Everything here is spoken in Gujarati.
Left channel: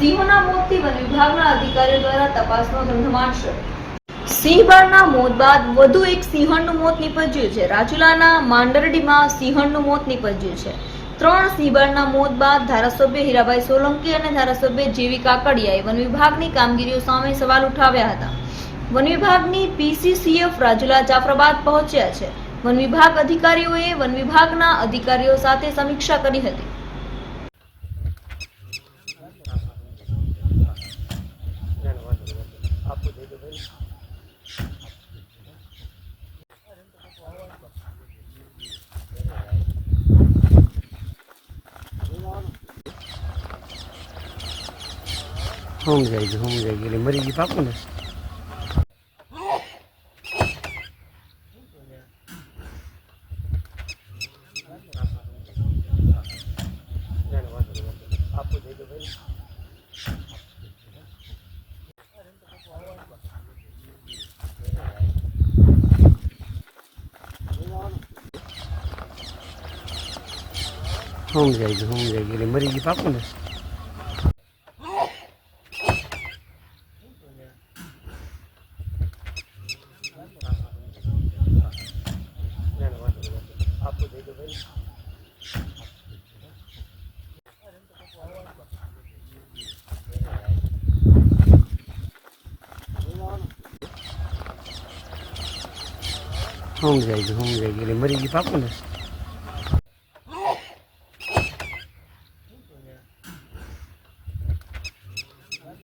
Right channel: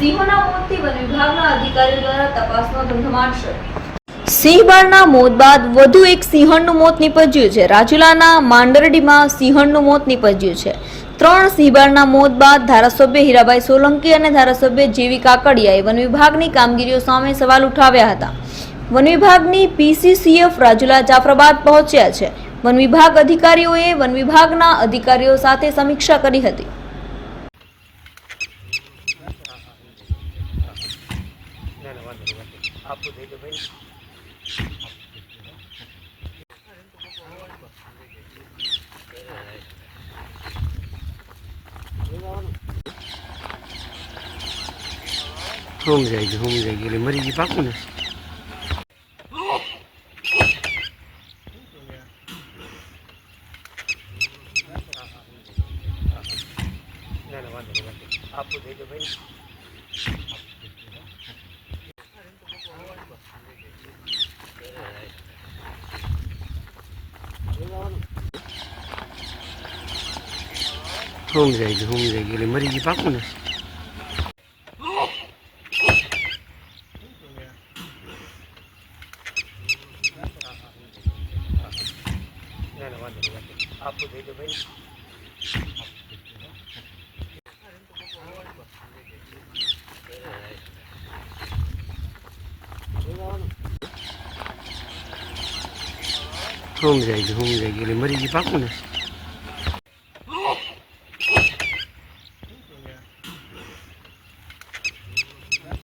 સિંહોના મોતથી વન વિભાગના અધિકારીઓ દ્વારા તપાસનો ધમધમાટ શરૂ। સિંહબાળના મોત બાદ વધુ એક સિંહણનું મોત નીપજ્યું છે। રાજુલાના માંડરડીમાં સિંહણનું મોત નીપજ્યું છે। 3 સિંહબાળના મોત બાદ ધારાસભ્ય હીરાભાઈ સોલંકી અને ધારાસભ્ય જેવી કાકડિયાએ વન વિભાગની કામગીરીઓ સામે સવાલ ઉઠાવ્યા હતા। વન વિભાગની પીસીસીએફ રાજુલા જાફરાબાદ પહોંચ્યા છે। વન વિભાગ અધિકારીઓએ વન વિભાગના અધિકારીઓ સાથે સમીક્ષા કરી હતી। होम जाएगी એટલે મરી ગઈ પાકું ને आपको दे दो भाई होम जाएगी એટલે મરી ગઈ પાકું ને आपको दे दो भाई होम जाएगी એટલે મરી ગઈ પાકું ને